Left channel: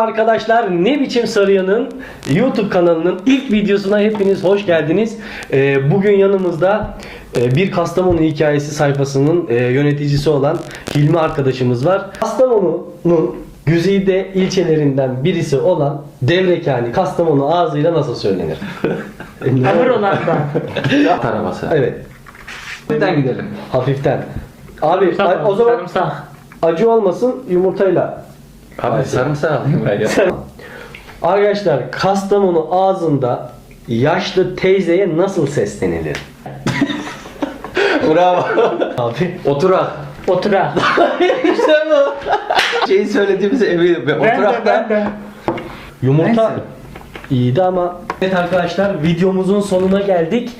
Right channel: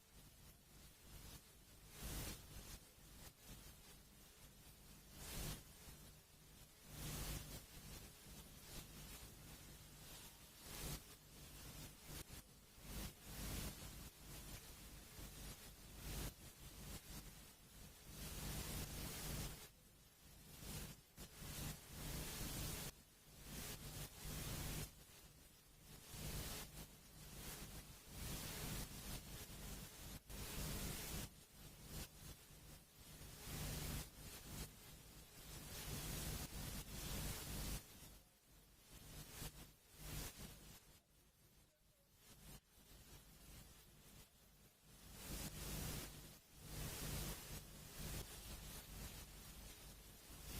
arkadaşlar. Ne biçim Sarıyan'ın YouTube kanalının ilk videosuna hepiniz hoş geldiniz. Ee, bugün yanımızda e, bir Kastamonu hikayesi sayfasının e, yöneticisi olan Hilmi arkadaşımız var. Kastamonu'nun güzide ilçelerinden birisi olan Devrekani Kastamonu ağzıyla nasıl söylenir? Ne- Hamur olan da. At arabası. Evet. Nereden gidelim? Hafiften. Abi Sarımsak. o zaman Sarımsak. acı olmasın yumurtayla Abi sarımsak alayım ben ya. Arkadaşlar Kastamonu ağzında yaşlı teyzeye nasıl seslenilir? Bravo. Abi. Oturak. Otura. işte bu. Şeyi söylediğimize eminim. Ve Ben de ben oturakta de. Yumurta Neyse. iyiydi ama Evet arkadaşlar videomuzun sonuna geldik.